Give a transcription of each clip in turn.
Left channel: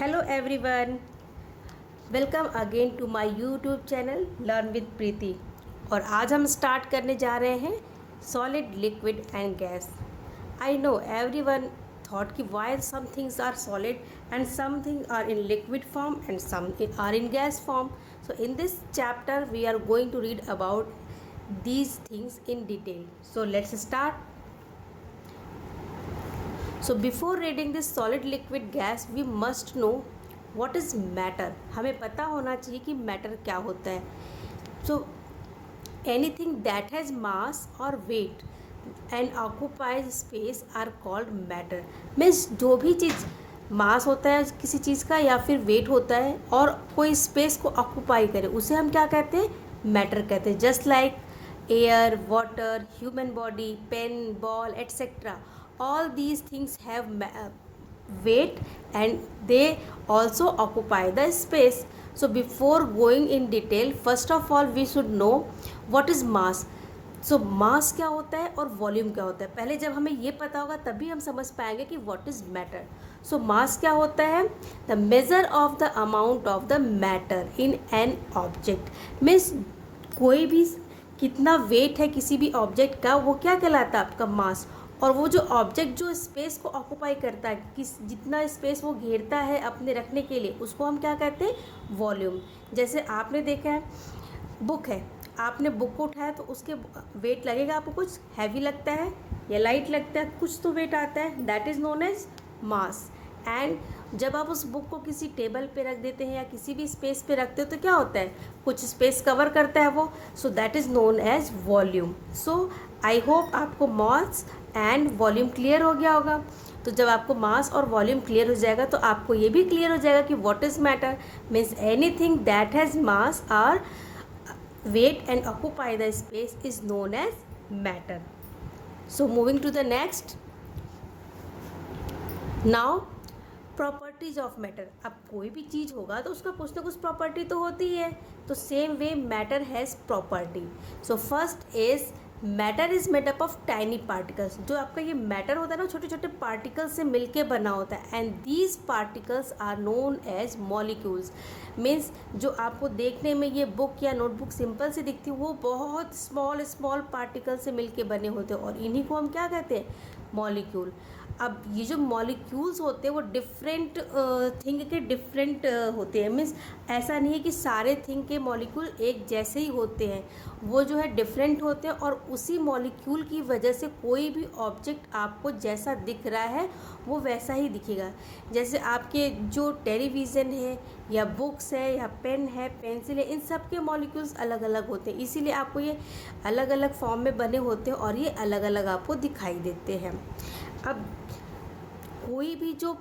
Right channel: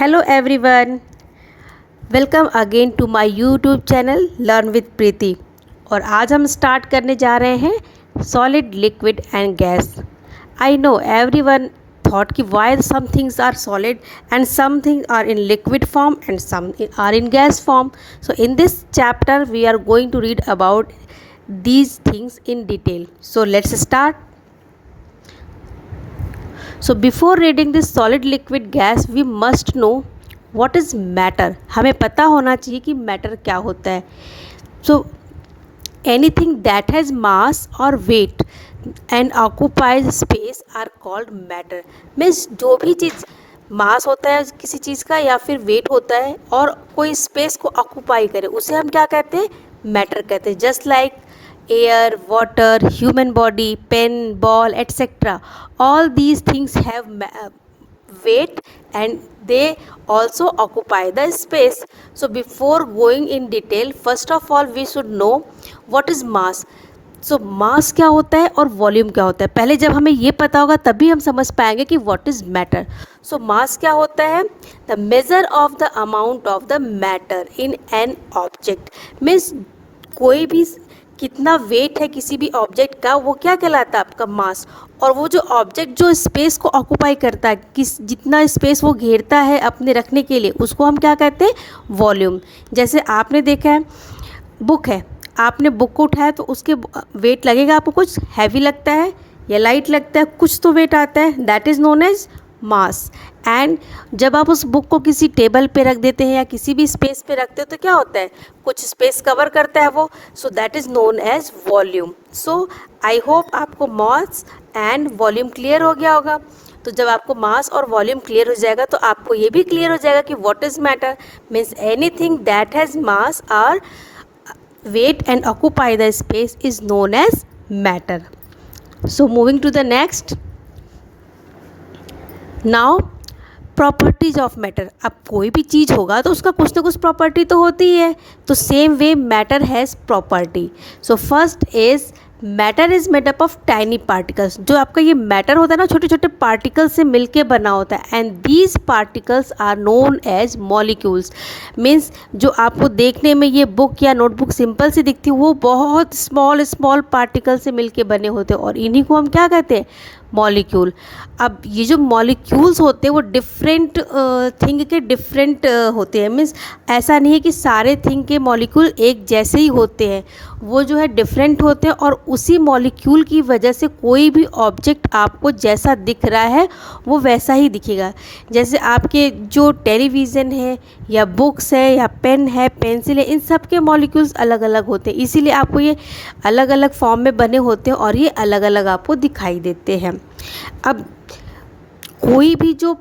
Hello everyone, welcome again to my YouTube channel Learn with Preeti. और आज हम start करने जा रहे हैं solid, liquid and gas. I know everyone thought कि why some things are solid and some things are in liquid form and some are in gas form. So in this chapter we are going to read about these things in detail. So let's start. So before reading this solid, liquid, gas, we must know what is matter. हमें पता होना चाहिए कि matter क्या होता है. So anything that has mass or weight and occupies space are called matter. Means जो भी चीज़ मास होता है किसी चीज़ का या फिर वेट होता है और कोई स्पेस को ऑक्यूपाई करे उसे हम क्या कहते हैं? मैटर कहते हैं. Just like air, water, human body, pen, ball, etc. All these things have weight and they also occupy the space. So before going in detail, first of all we should know what is mass. So mass क्या होता है और volume क्या होता है. पहले जब हमें ये पता होगा तभी हम समझ पाएंगे कि what is matter. So mass क्या होता है? The measure of the amount of the matter in an object. Means कोई भी कितना वेट है किसी भी ऑब्जेक्ट का वो क्या कहलाता है? आपका मास. और वो जो ऑब्जेक्ट जो स्पेस को ऑक्यूपाई करता है, किस जितना स्पेस वो घेरता है अपने रखने के लिए, उसको हम क्या कहते हैं? वॉल्यूम. जैसे आपने देखा है बुक है, आपने बुक को उठाया तो उसके वेट लगेगा आपको, कुछ हैवी लगता है या लाइट लगता है, कुछ तो वेट आता है, that is known as mass. And जब आप उस बुक को किसी टेबल पे रख देते हैं या किसी भी स्पेस पे रखते हो तो क्या होता है? कुछ स्पेस कवर करता है वो. So that is known as volume. So I hope आपको मास एंड वॉल्यूम क्लियर हो गया होगा. तो जब आपको मास और वॉल्यूम क्लियर हो जाएगा तो आपको ये भी क्लियर हो जाएगा कि what is matter. Means anything that has mass और weight and occupy the space is known as matter. So moving to the next. Now properties of matter. अब कोई भी चीज़ होगा तो उसका कुछ ना कुछ प्रॉपर्टी तो होती ही है. तो same way matter has property. So first is matter is made up of tiny particles. जो आपका ये मैटर होता है ना, छोटे छोटे पार्टिकल्स से मिलके बना होता है. And these particles are known as molecules. Means जो आपको देखने में ये बुक या नोटबुक सिंपल सी दिखती है वो बहुत स्मॉल स्मॉल पार्टिकल से मिलके बने होते हैं और इन्हीं को हम क्या कहते हैं? मॉलिक्यूल. अब ये जो मॉलिक्यूल्स होते हैं वो डिफरेंट थिंग के डिफरेंट होते हैं. मीन्स ऐसा नहीं है कि सारे थिंग के मॉलिक्यूल एक जैसे ही होते हैं. वो जो है डिफरेंट होते हैं और उसी मॉलिक्यूल की वजह से कोई भी ऑब्जेक्ट आपको जैसा दिख रहा है वो वैसा ही दिखेगा. जैसे आपके जो टेलीविज़न है या बुक्स है या पेन है, पेंसिल है, इन सब के मॉलिक्यूल्स अलग अलग होते हैं. इसीलिए आपको ये अलग अलग फॉर्म में बने होते हैं और ये अलग अलग आपको दिखाई देते हैं. अब कोई भी जो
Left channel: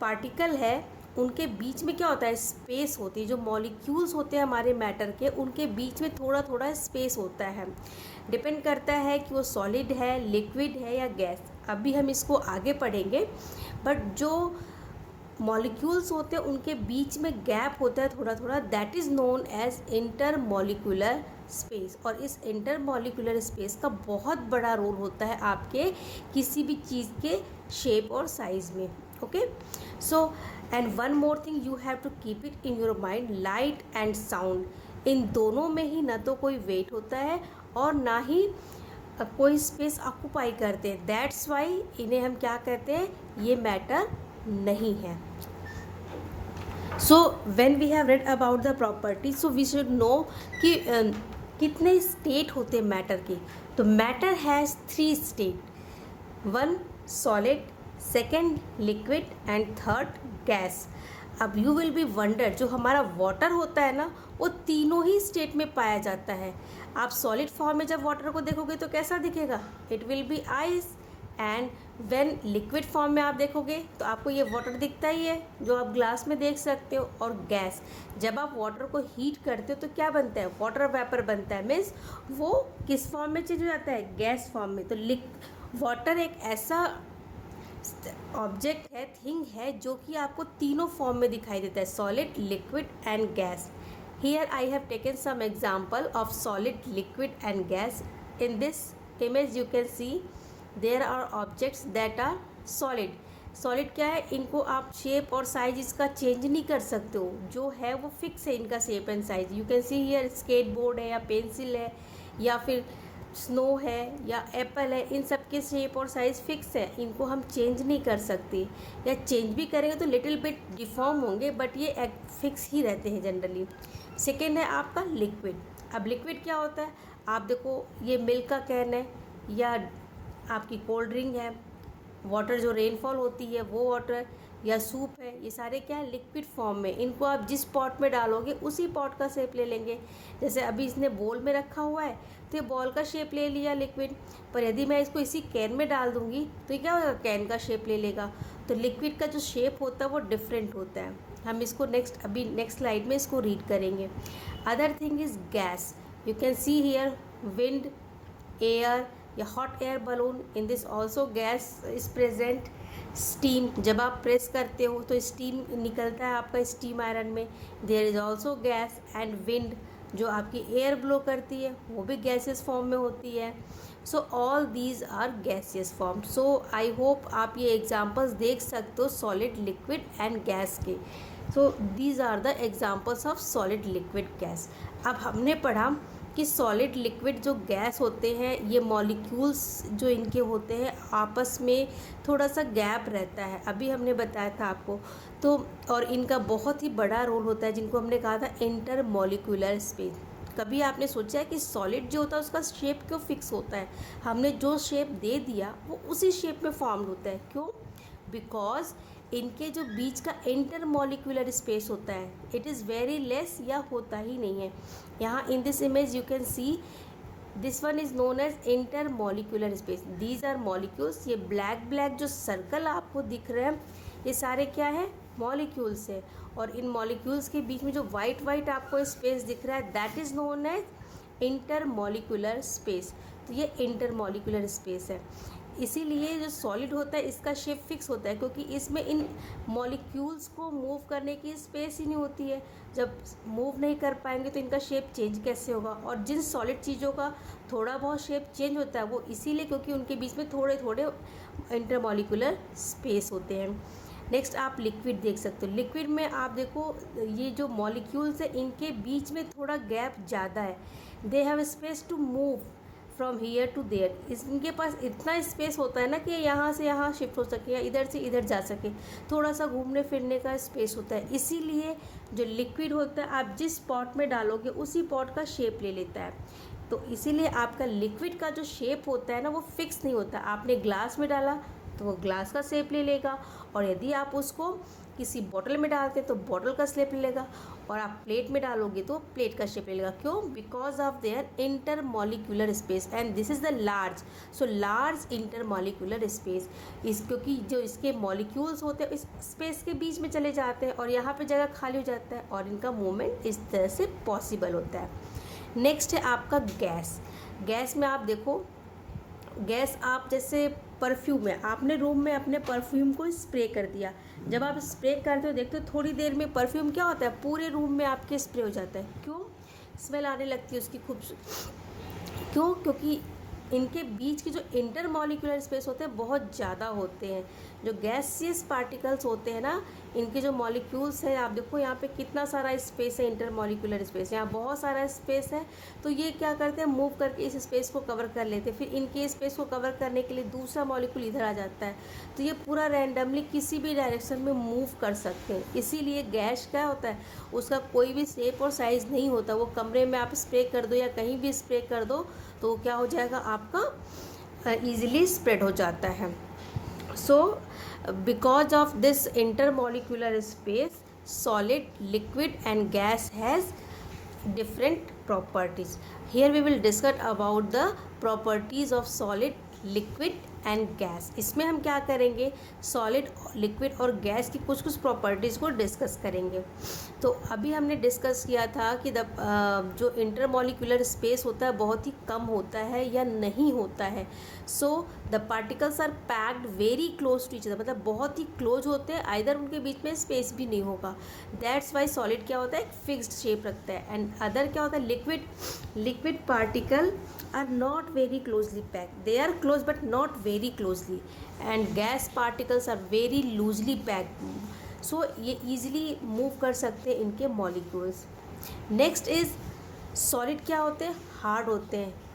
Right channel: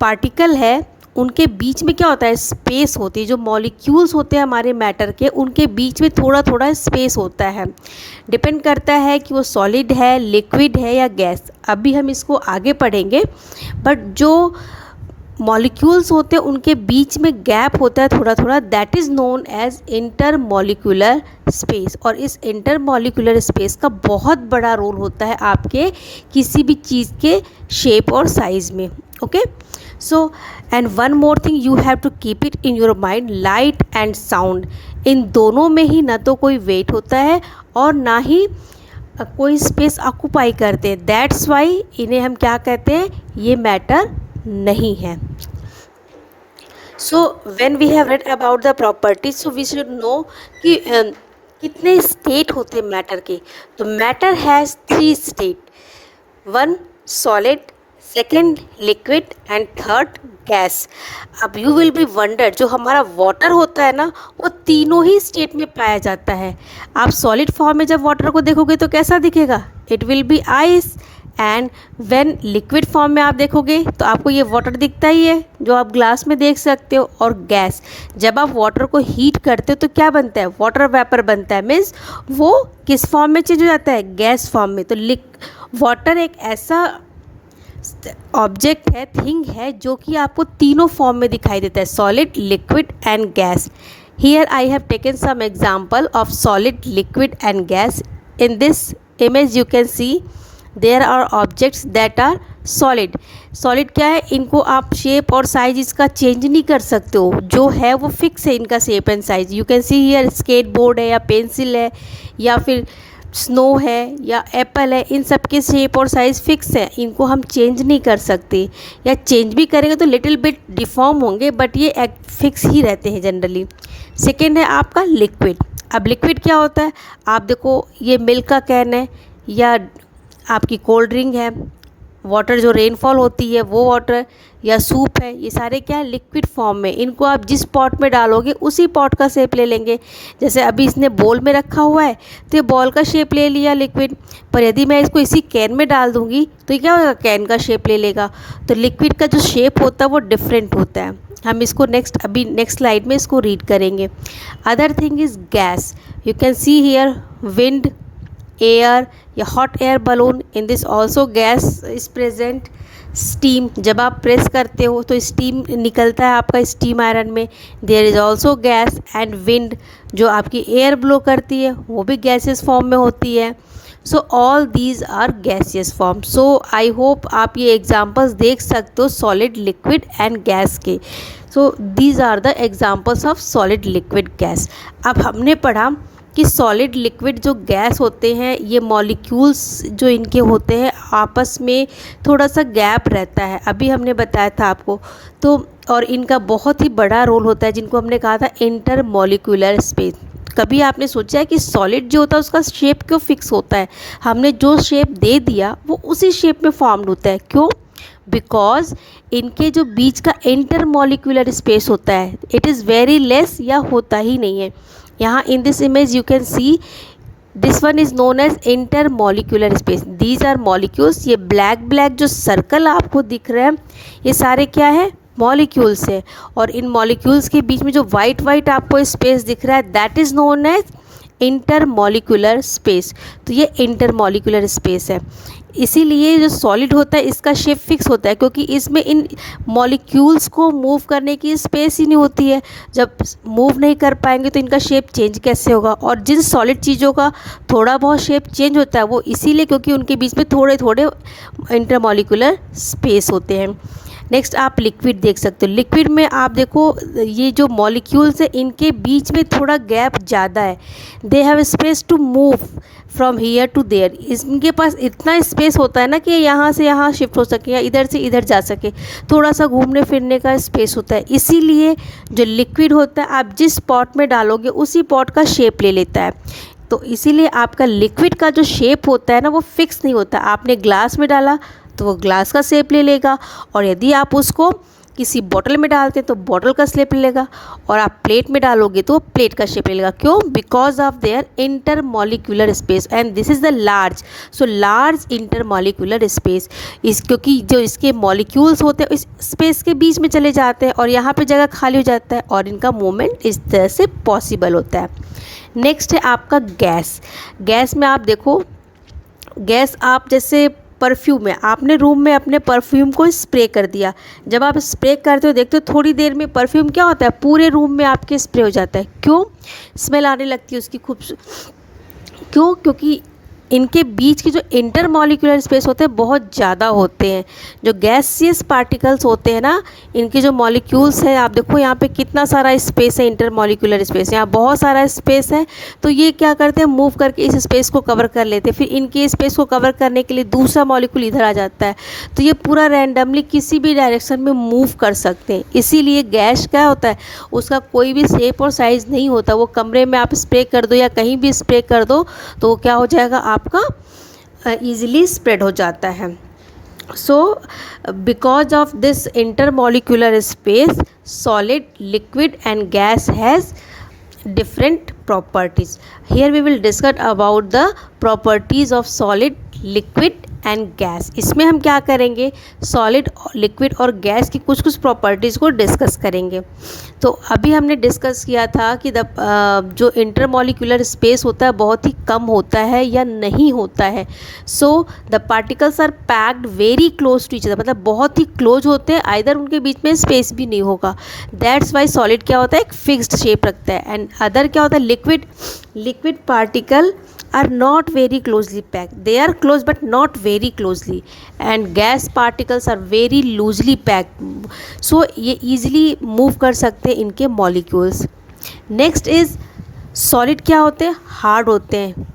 पार्टिकल है उनके बीच में क्या होता है? स्पेस होती है. जो मॉलिक्यूल्स होते हैं हमारे मैटर के, उनके बीच में थोड़ा थोड़ा स्पेस होता है. डिपेंड करता है कि वो सॉलिड है, लिक्विड है या गैस. अभी हम इसको आगे पढ़ेंगे. बट जो मॉलिक्यूल्स होते हैं उनके बीच में गैप होता है थोड़ा थोड़ा, that is known as intermolecular space. और इस इंटरमॉलिक्यूलर स्पेस का बहुत बड़ा रोल होता है आपके किसी भी चीज़ के शेप और साइज़ में. Okay. So and one more thing you have to keep it in your mind, light and sound. इन दोनों में ही ना तो कोई वेट होता है और ना ही कोई स्पेस ऑक्यूपाई करते हैं. दैट्स वाई इन्हें हम क्या कहते हैं? ये मैटर नहीं है. So when we have read about the properties, so we should know कि कितने स्टेट होते हैं मैटर के. तो matter has 3 state. 1 solid, second liquid and third gas. अब यू विल बी वंडर, जो हमारा वाटर होता है ना वो तीनों ही स्टेट में पाया जाता है. आप सॉलिड फॉर्म में जब वाटर को देखोगे तो कैसा दिखेगा? It will be ice. And when liquid form में आप देखोगे तो आपको ये वाटर दिखता ही है जो आप ग्लास में देख सकते हो. और गैस, जब आप वाटर को हीट करते हो तो क्या बनता है? वाटर वेपर बनता है. मीन्स वो किस फॉर्म में चेंज हो जाता है? गैस फॉर्म में. तो वाटर एक ऐसा ऑब्जेक्ट है, थिंग है जो कि आपको तीनों फॉर्म में दिखाई देता है, solid, liquid and gas. Here I have taken some example of solid, liquid and gas. In this image you can see there are objects that are solid. Solid क्या है, इनको आप शेप और साइज इसका चेंज नहीं कर सकते हो, जो है वो फिक्स है इनका shape and size. You can see here skateboard है या पेंसिल है या फिर स्नो है या एप्पल है, इन सब के शेप और साइज़ फिक्स है, इनको हम चेंज नहीं कर सकते, या चेंज भी करेंगे तो लिटिल बिट डिफॉर्म होंगे, बट ये फिक्स ही रहते हैं जनरली। सेकेंड है आपका लिक्विड। अब लिक्विड क्या होता है, आप देखो ये मिल्क का कैन है या आपकी कोल्ड ड्रिंक है, वाटर जो रेनफॉल होती है वो वाटर, या सूप है, ये सारे क्या है लिक्विड फॉर्म में। इनको आप जिस पॉट में डालोगे उसी पॉट का शेप ले लेंगे। जैसे अभी इसने बॉल में रखा हुआ है तो ये बॉल का शेप ले लिया लिक्विड, पर यदि मैं इसको इसी कैन में डाल दूँगी तो ये क्या होगा, कैन का शेप ले लेगा। तो लिक्विड का जो शेप होता है वो डिफरेंट होता है। हम इसको अभी नेक्स्ट स्लाइड में इसको रीड करेंगे। Other thing is gas. You can see here wind, air या hot air balloon, in this also gas is present. Steam, जब आप प्रेस करते हो तो स्टीम निकलता है आपका स्टीम आयरन में, there is also gas. And wind जो आपकी एयर ब्लो करती है वो भी गैसेस फॉर्म में होती है। So all these are gaseous form. So I hope आप ये एग्जांपल्स देख सकते हो सॉलिड, लिक्विड एंड गैस के। So these are the examples of solid, liquid, gas. अब हमने पढ़ा कि सॉलिड, लिक्विड जो गैस होते हैं ये मॉलिक्यूल्स जो इनके होते हैं आपस में थोड़ा सा गैप रहता है, अभी हमने बताया था आपको। तो और इनका बहुत ही बड़ा रोल होता है जिनको हमने कहा था इंटर मॉलिक्यूलर स्पेस। कभी आपने सोचा है कि सॉलिड जो होता है उसका शेप क्यों फिक्स होता है, हमने जो शेप दे दिया वो उसी शेप में फॉर्म्ड होता है, क्यों? बिकॉज इनके जो बीच का इंटर मॉलिक्यूलर स्पेस होता है इट इज़ वेरी लेस या होता ही नहीं है। यहाँ in this image you can see this one is known as intermolecular space. These are molecules. ये ब्लैक ब्लैक जो सर्कल आपको दिख रहे हैं ये सारे क्या है, मॉलिक्यूल्स है। और इन मॉलिक्यूल्स के बीच में जो वाइट वाइट आपको स्पेस दिख रहा है that is known as intermolecular space. तो ये इंटर मॉलिक्यूलर स्पेस है। इसीलिए जो सॉलिड होता है इसका शेप फिक्स होता है, क्योंकि इसमें इन मॉलिक्यूल्स को मूव करने की स्पेस ही नहीं होती है। जब मूव नहीं कर पाएंगे तो इनका शेप चेंज कैसे होगा। और जिन सॉलिड चीज़ों का थोड़ा बहुत शेप चेंज होता है वो इसीलिए क्योंकि उनके बीच में थोड़े थोड़े इंटरमॉलिक्यूलर स्पेस होते हैं। नेक्स्ट आप लिक्विड देख सकते हो। लिक्विड में आप देखो ये जो मॉलिक्यूल्स है इनके बीच में थोड़ा गैप ज़्यादा है। They have space to move from here to there. इनके पास इतना स्पेस होता है ना कि यहाँ से यहाँ शिफ्ट हो सके या इधर से इधर जा सके, थोड़ा सा घूमने फिरने का स्पेस होता है। इसीलिए जो लिक्विड होता है आप जिस पॉट में डालोगे उसी पॉट का शेप ले लेता है। तो इसीलिए आपका लिक्विड का जो शेप होता है ना वो फिक्स नहीं होता। आपने ग्लास में डाला तो वो ग्लास का शेप ले लेगा, और यदि आप उसको किसी बॉटल में डालते हैं तो बॉटल का शेप ले लेगा, और आप प्लेट में डालोगे तो प्लेट का शेप ले लेगा। क्यों? Because of their inter molecular space and this is the large. So large inter molecular space क्योंकि जो इसके मॉलिक्यूल्स होते हैं इस स्पेस के बीच में चले जाते हैं और यहाँ पे जगह खाली हो जाता है और इनका मूवमेंट इस तरह से पॉसिबल होता है। नेक्स्ट है आपका गैस। गैस में आप देखो, गैस आप जैसे परफ्यूम है, आपने रूम में अपने परफ्यूम को स्प्रे कर दिया। जब आप स्प्रे करते हो देखते हो थोड़ी देर में परफ्यूम क्या होता है, पूरे रूम में आपके स्प्रे हो जाता है। क्यों? स्मेल आने लगती है उसकी क्यों? क्योंकि इनके बीच की जो इंटर मॉलिक्यूलर स्पेस होते हैं बहुत ज़्यादा होते हैं। जो गैसियस पार्टिकल्स होते हैं ना, इनके जो मॉलिक्यूल्स हैं, आप देखो यहाँ पे कितना सारा स्पेस है, इंटर मॉलिक्यूलर स्पेस, यहाँ बहुत सारा स्पेस है। तो ये क्या करते हैं, मूव करके इस स्पेस को कवर कर लेते हैं, फिर इनके स्पेस को कवर करने के लिए दूसरा मॉलिक्यूल इधर आ जाता है। तो ये पूरा रैंडमली किसी भी डायरेक्शन में मूव कर सकते हैं। इसीलिए गैस क्या होता है, उसका कोई भी शेप और साइज़ नहीं होता। वो कमरे में आप स्प्रे कर दो या कहीं भी स्प्रे कर दो तो वो क्या हो जाएगा, आपका ईजिली स्प्रेड हो जाता है। So because of this intermolecular space solid, liquid and gas has different properties. Here we will discuss about the properties of solid, liquid and gas. इसमें हम क्या करेंगे, सॉलिड, लिक्विड और गैस की कुछ कुछ प्रॉपर्टीज़ को डिस्कस करेंगे। तो अभी हमने डिस्कस किया था कि जो इंटरमॉलिक्यूलर स्पेस होता है बहुत ही कम होता है या नहीं होता है। So the particles are packed very close to each other, मतलब बहुत ही क्लोज होते हैं, आइदर उनके बीच में स्पेस भी नहीं होगा। दैट्स वाई सॉलिड क्या होता है, एक फिक्स्ड शेप रखता है। एंड अदर क्या होता है, liquid particle are not very closely packed. They are close but not very closely. And gas particles are very loosely packed. So ये easily move कर सकते हैं इनके molecules. Next is solid क्या होते हैं? Hard होते हैं.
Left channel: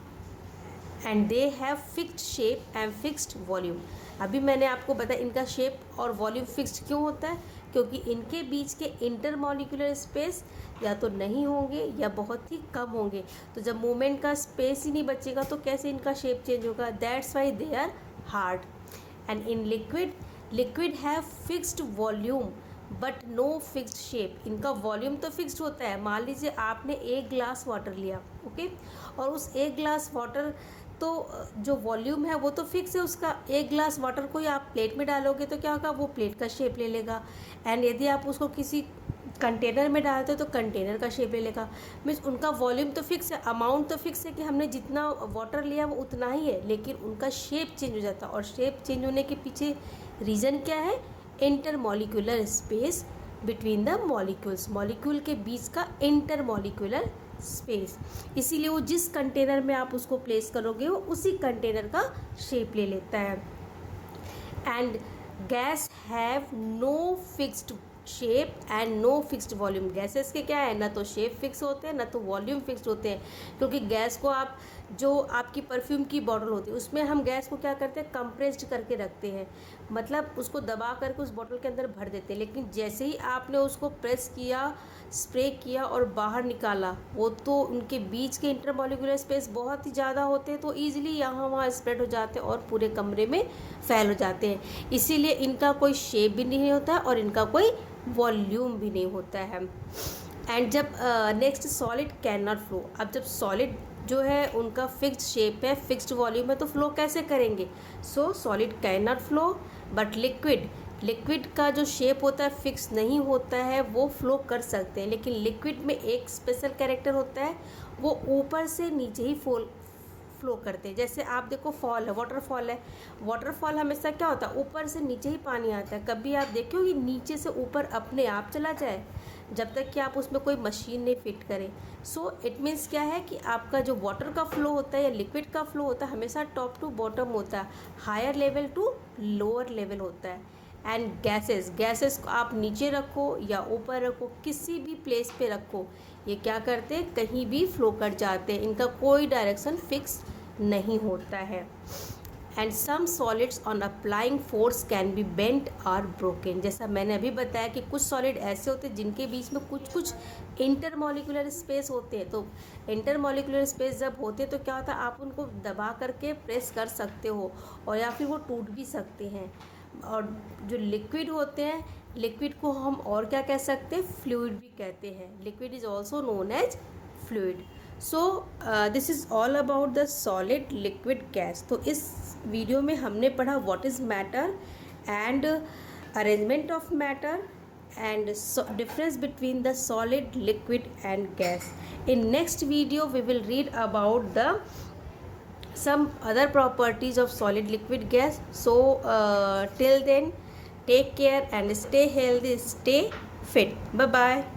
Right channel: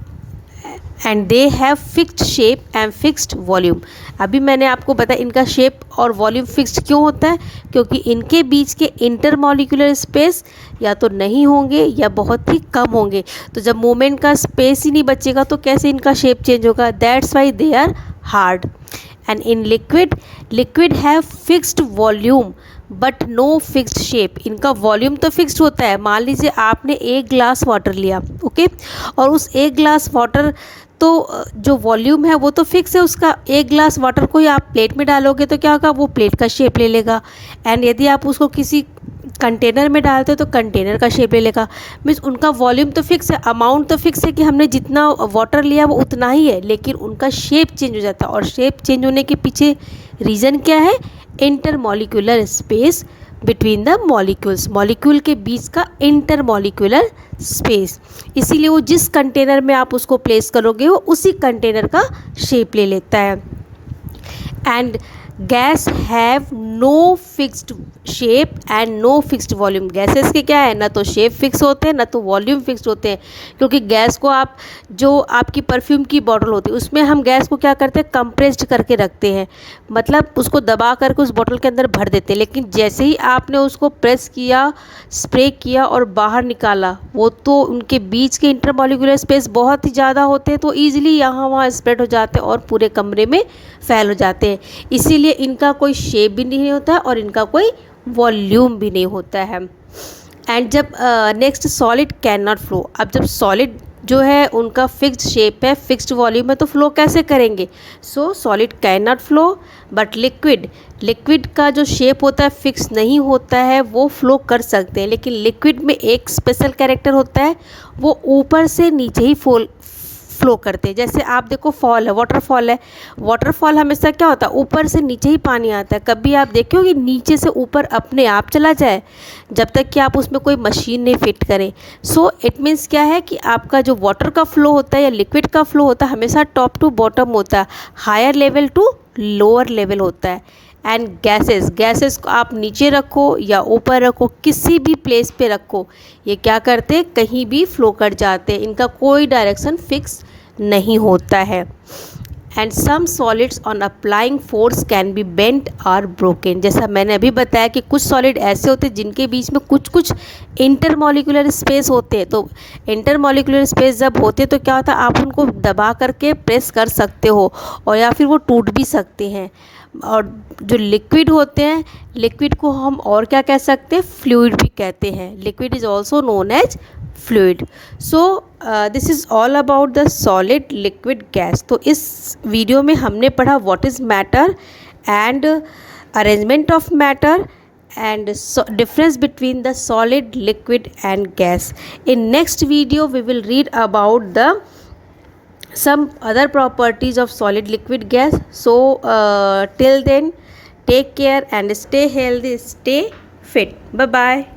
And they have fixed shape and fixed volume. अभी मैंने आपको बताया इनका शेप और वॉल्यूम फिक्स्ड क्यों होता है, क्योंकि इनके बीच के इंटरमॉलिक्यूलर स्पेस या तो नहीं होंगे या बहुत ही कम होंगे. तो जब मूवमेंट का स्पेस ही नहीं बचेगा तो कैसे इनका शेप चेंज होगा. That's why they are hard. And in liquid have fixed volume but no fixed shape. इनका वॉल्यूम तो फिक्स्ड होता है. मान लीजिए आपने एक ग्लास वाटर लिया, ओके, और उस एक ग्लास वाटर तो जो वॉल्यूम है वो तो फिक्स है उसका. एक ग्लास वाटर को ही आप प्लेट में डालोगे तो क्या होगा, वो प्लेट का शेप ले लेगा. एंड यदि आप उसको किसी कंटेनर में डालते हो तो कंटेनर का शेप ले लेगा. मीन्स उनका वॉल्यूम तो फिक्स है, अमाउंट तो फिक्स है कि हमने जितना वाटर लिया वो उतना ही है, लेकिन उनका शेप चेंज हो जाता है. और शेप चेंज होने के पीछे रीज़न क्या है, intermolecular space between the molecules. Molecule के बीच का इंटरमॉलिक्यूलर स्पेस. इसीलिए वो जिस कंटेनर में आप उसको प्लेस करोगे वो उसी कंटेनर का शेप ले लेता है. And gas have no fixed shape and no fixed volume. Gases के क्या है, ना तो शेप फिक्स होते हैं ना तो वॉल्यूम फिक्स्ड होते हैं. क्योंकि गैस को आप जो आपकी परफ्यूम की बॉटल होती है उसमें हम गैस को क्या करते हैं, कंप्रेस्ड करके रखते हैं. मतलब उसको दबा करके उस बॉटल के अंदर भर देते हैं. लेकिन जैसे ही आपने उसको प्रेस किया, स्प्रे किया और बाहर निकाला, वो तो उनके बीच के इंटरमॉलिक्यूलर स्पेस बहुत ही ज़्यादा होते हैं, तो ईजिली यहाँ वहाँ स्प्रेड हो जाते हैं और पूरे कमरे में फैल हो जाते हैं. इसीलिए इनका कोई शेप भी नहीं होता है और इनका कोई वॉल्यूम भी नहीं होता है. एंड जब next solid can not flow. अब जब सॉलिड जो है उनका फिक्स्ड शेप है, फिक्स्ड वॉल्यूम है, तो फ्लो कैसे करेंगे. सो solid can not flow. But liquid का जो शेप होता है फिक्स नहीं होता है, वो फ्लो कर सकते हैं. लेकिन लिक्विड में एक स्पेशल कैरेक्टर होता है, वो ऊपर से नीचे ही फ्लो करते हैं. जैसे आप देखो फॉल है, वाटरफॉल है. वाटरफॉल हमेशा क्या होता है, ऊपर से नीचे ही पानी आता है. कभी आप देखो कि नीचे से ऊपर अपने आप चला जाए, जब तक कि आप उसमें कोई मशीन नहीं फिट करें. सो इट मीन्स क्या है कि आपका जो वाटर का फ्लो होता है या लिक्विड का फ्लो होता है हमेशा टॉप टू बॉटम होता है, higher level to lower level होता है. एंड गैसेस को आप नीचे रखो या ऊपर रखो, किसी भी प्लेस पे रखो, ये क्या करते हैं, कहीं भी फ्लो कर जाते हैं. इनका कोई डायरेक्शन फिक्स नहीं होता है. And some solids on applying force can be bent और ब्रोकन. जैसा मैंने अभी बताया कि कुछ सॉलिड ऐसे होते हैं जिनके बीच में कुछ इंटरमॉलिक्यूलर स्पेस होते हैं. तो इंटरमॉलिक्यूलर स्पेस जब होते हैं तो क्या होता है, आप उनको दबा करके प्रेस कर सकते हो और या फिर वो टूट भी सकते हैं. और जो लिक्विड होते हैं, लिक्विड को हम और क्या कह सकते हैं, फ्लूइड भी कहते हैं. Liquid is also known as fluid. So this is all about the solid, liquid, gas. तो इस वीडियो में हमने पढ़ा what is matter and arrangement of matter and difference between the solid, liquid and gas. In next video we will read about the some other properties of solid, liquid, gas. So till then, take care and stay healthy, stay fit. Bye bye.